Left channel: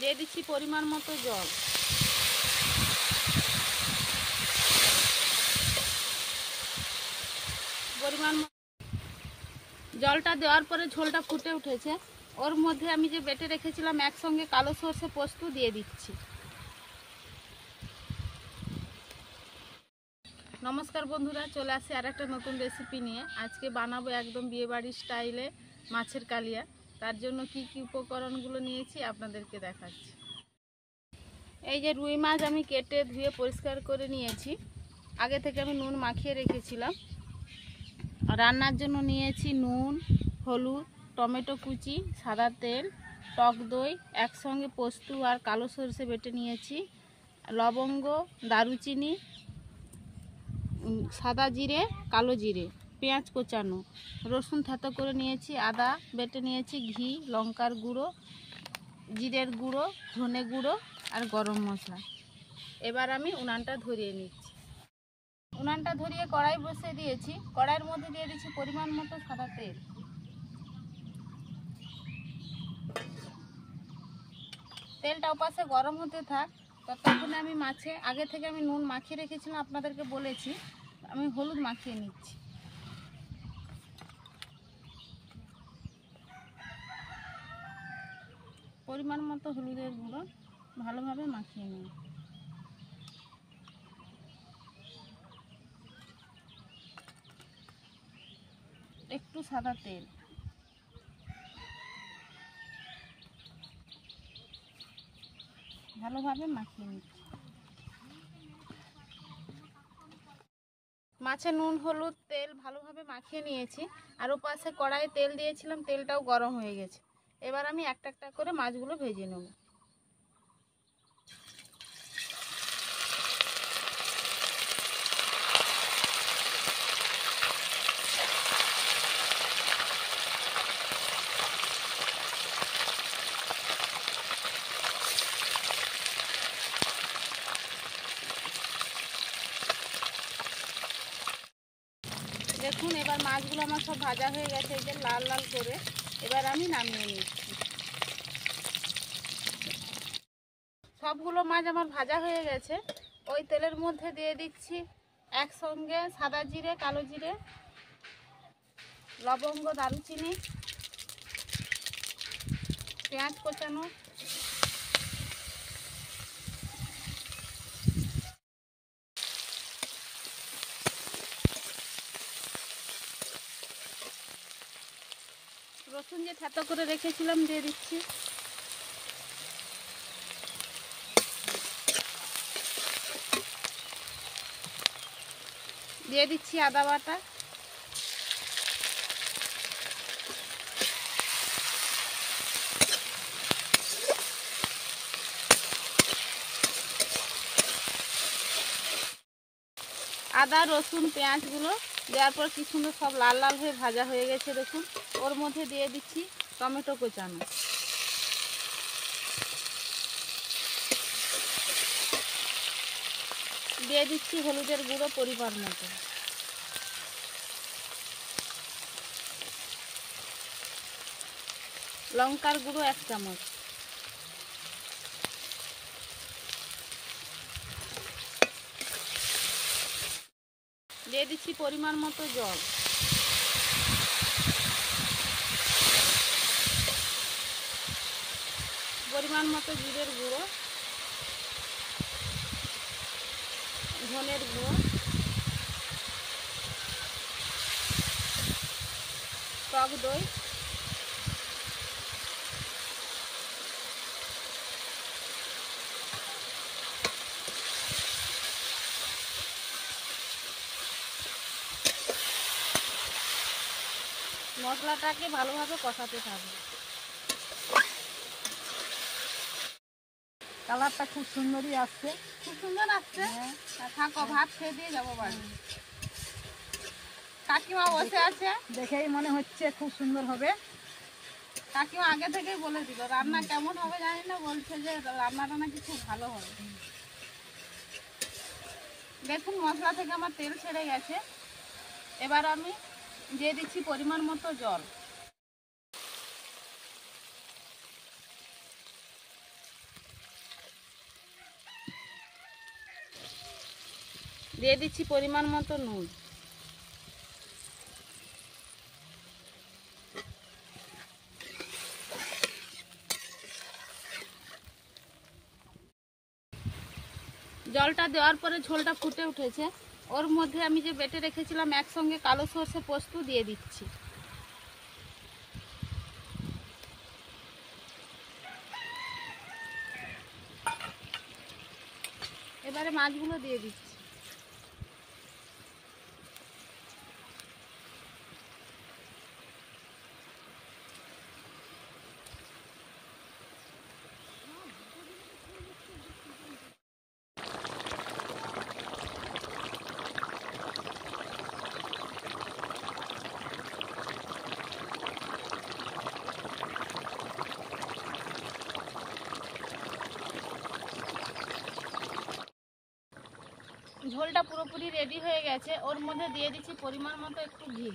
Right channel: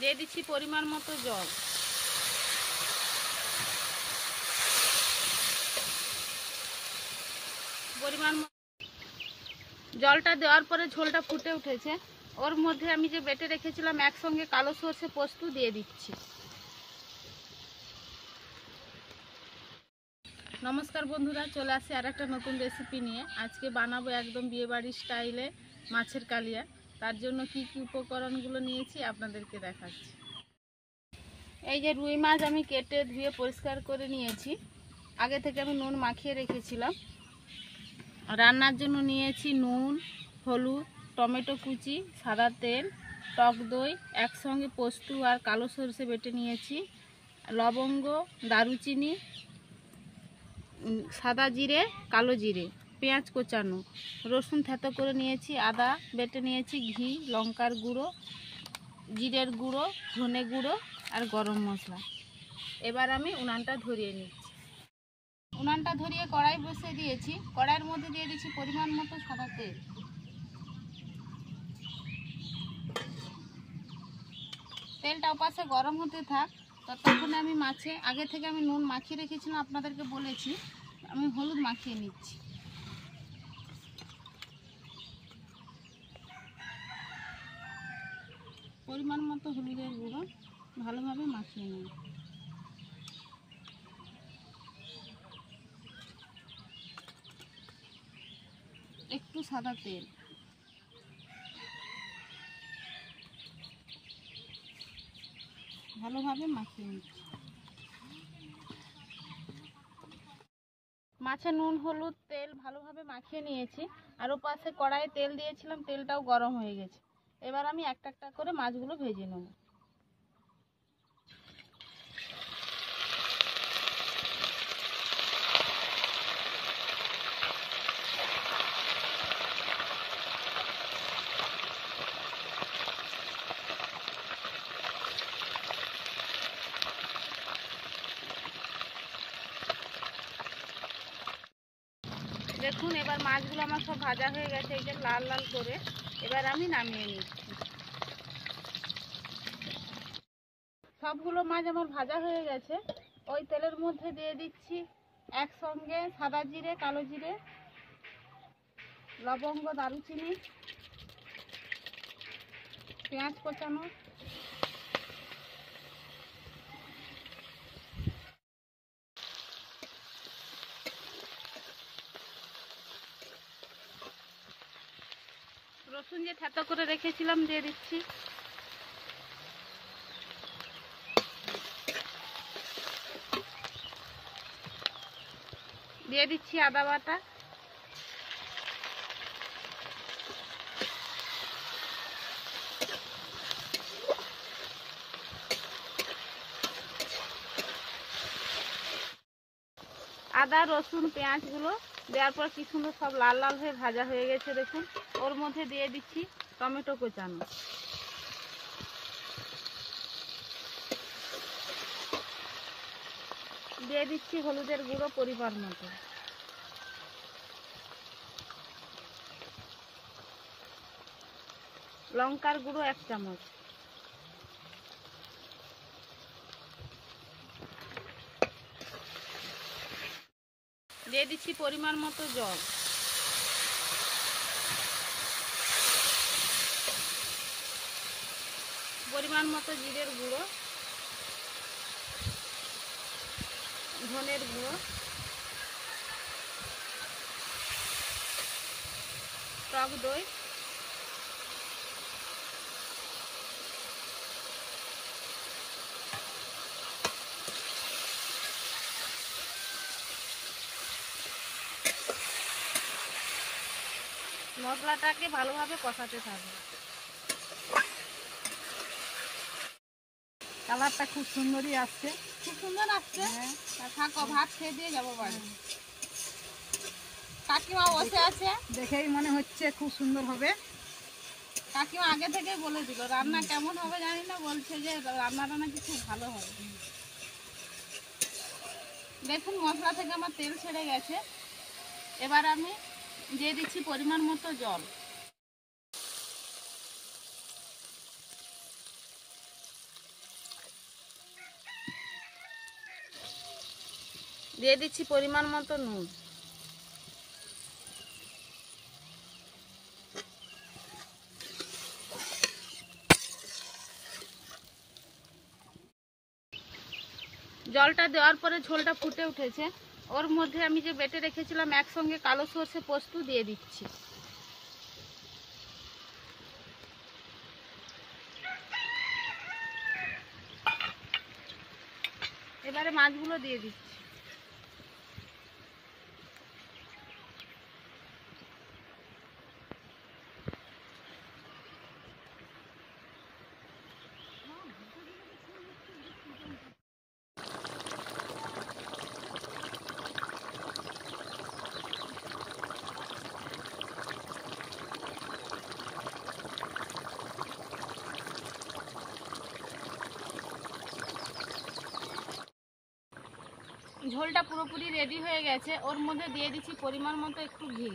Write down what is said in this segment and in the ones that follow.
দিয়ে দিচ্ছি পরিমাণ মতো জল। জলটা দেওয়ার পরে ঝোলটা ফুটে উঠেছে। ওর মধ্যে আমি যে বেটে রেখেছিলাম একসঙ্গে কালো সর্ষে পোস্ত দিয়ে দিচ্ছি। নমস্কার বন্ধুরা, চলে আসি আর একটা নতুন রেসিপি নিয়ে। আজকে বানাবো একদম বিয়েবাড়ির স্টাইলে মাছের কালিয়া। তার জন্য কি কি উপকরণগুলো নিয়েছি আপনাদেরকে দেখাচ্ছি। এই যে রুই মাছ আমি কেটে ধুয়ে পরিষ্কার করে নিয়েছি। আগে থেকে আমি নুন মাখিয়ে রেখেছিলাম। রান্নার জন্য নিয়েছি নুন, হলুদ, টমেটো কুচি, সাদা তেল, টক দই, একসঙ্গে পোস্ত আর কালো সরষে বেটে নিয়েছি, লবঙ্গ, দারুচিনি, সাদা জিরে, কালো জিরে, পেঁয়াজ কোচানো, রসুন থেতো করে নিয়েছি, আদা বেটে নিয়েছি, ঘি, লঙ্কার গুঁড়ো, জিরের গুঁড়ো, ধনে গুঁড়ো আর গরম মশলা। এবার আমি উনানটা ধরিয়ে নিচ্ছি। উনানটা ধরিয়ে কড়াই বসিয়ে দিয়েছি। কড়াইয়ের মধ্যে দিয়ে দিচ্ছি পরিমাণ মতো সাদা তেল। তেলটা ওপাশে গরম হতে থাক, ততক্ষণে আমি মাছে আগে থেকে আমি নুন মাখিয়ে রেখেছিলাম, আপনাদেরকে বলেছি। আমি হলুদ মাখিয়ে নিচ্ছি। পরিমাণ মতো হলুদের গুঁড়ো ভালোভাবে মাখিয়ে নিই। একটু সাদা তেল, ভালোভাবে মাখিয়ে নিচ্ছি। মাছে নুন, হলুদ, তেল ভালোভাবে মাখিয়ে নিয়েছি। আর ওপাশে কড়াইয়ে তেল দিয়েছিলাম, তেলটাও গরম হয়ে গেছে। এবার আমি একটা একটা করে মাছগুলো ভেজে নেব। দেখুন, এবার মাছগুলো আমার সব ভাজা হয়ে গেছে, এই যে লাল লাল করে। এবার আমি নামিয়ে নিচ্ছি। সবগুলো মাছ আমার ভাজা হয়ে গেছে। ওই তেলের মধ্যে দিয়ে দিচ্ছি একসঙ্গে সাদা জিরে, কালো জিরে, লবঙ্গ, দারুচিনি, পেঁয়াজ কোচানো, রসুন যে থেতো করে রেখেছিলাম দিয়ে দিচ্ছি। দিয়ে দিচ্ছি আদা বাটা, আদা, রসুন, পেঁয়াজগুলো দেওয়ার পর কি সুন্দর সব লাল লাল হয়ে ভাজা হয়ে গেছে। দেখুন, ওর মধ্যে দিয়ে দিচ্ছি টমেটো কোচানো, দিয়ে দিচ্ছি হলুদের গুঁড়ো পরিমাণ মতো, লঙ্কার গুঁড়ো 1 চামচ, দিয়ে দিচ্ছি পরিমাণ মতো জল। পরিমাণ মতো জিরের গুঁড়ো, ধনের গুঁড়ো, টক দই, মশলাটাকে ভালোভাবে কষাতে থাকবে। কালারটা খুব সুন্দরই আসছে। খুব সুন্দর আসছে। থাকো, ভাত খেয়ে দিয়ে যাবো বাড়ি। কাকিমা বসে আছে, দেখেই মনে হচ্ছে খুব সুন্দর হবে। কাকিমা আগে থেকেই বলে দিল রান্না কেমন হবে জানি না, বলছে যে রান্নাটা নাকি খুব ভালো হবে। দেখুন, মশলা থেকে আমার তেল ছেড়ে গেছে। এবার আমি দিয়ে দিচ্ছি পরিমাণ মতো জল। দিয়ে দিচ্ছি পরিমাণ মতো নুন। জলটা দেওয়ার পরে ঝোলটা ফুটে উঠেছে, ওর মধ্যে আমি যে বেটে রেখেছিলাম একসঙ্গে কালো সর্ষে পোস্ত দিয়ে দিচ্ছি। এবারে মাছগুলো দিয়ে দিচ্ছি। ঝোলটা পুরোপুরি রেডি হয়ে গেছে, ওর মধ্যে দিয়ে দিচ্ছি পরিমাণ মতো একটু ঘি।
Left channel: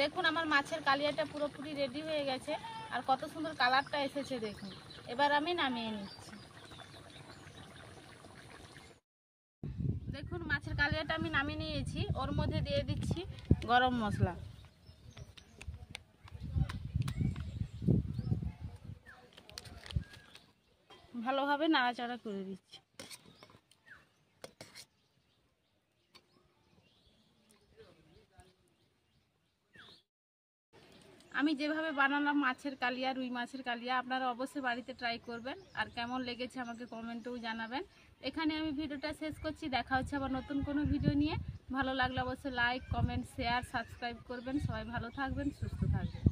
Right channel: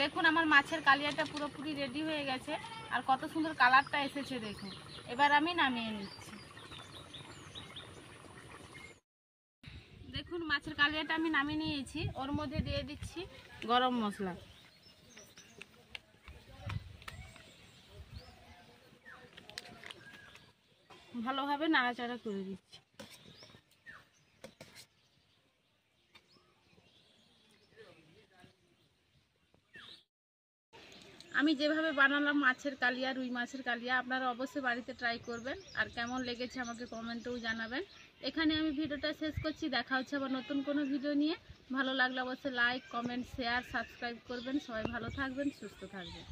দেখুন আমার মাছের কালিয়াটা পুরোপুরি রেডি হয়ে গেছে, আর কত সুন্দর কালারটা এসেছে দেখুন। এবার আমি নামিয়ে নিচ্ছি। দেখুন মাছের কালিয়াটা আমি নামিয়ে নিয়েছি, ওর মধ্যে দিয়ে দিচ্ছি গরম মশলা। ভালোভাবে নাড়াচাড়া করে দিচ্ছি। আমি যেভাবে বানালাম মাছের কালিয়া, রুই মাছের কালিয়া, আপনারা অবশ্যই বাড়িতে ট্রাই করবেন, আর কেমন লেগেছে আমাকে কমেন্টেও জানাবেন। এখানে আমি ভিডিওটা শেষ করছি, দেখা হচ্ছে আবার নতুন কোনো ভিডিও নিয়ে। ভালো লাগলে অবশ্যই লাইক, কমেন্ট, শেয়ার, সাবস্ক্রাইব করবেন। সবাই ভালো থাকবেন, সুস্থ থাকবেন।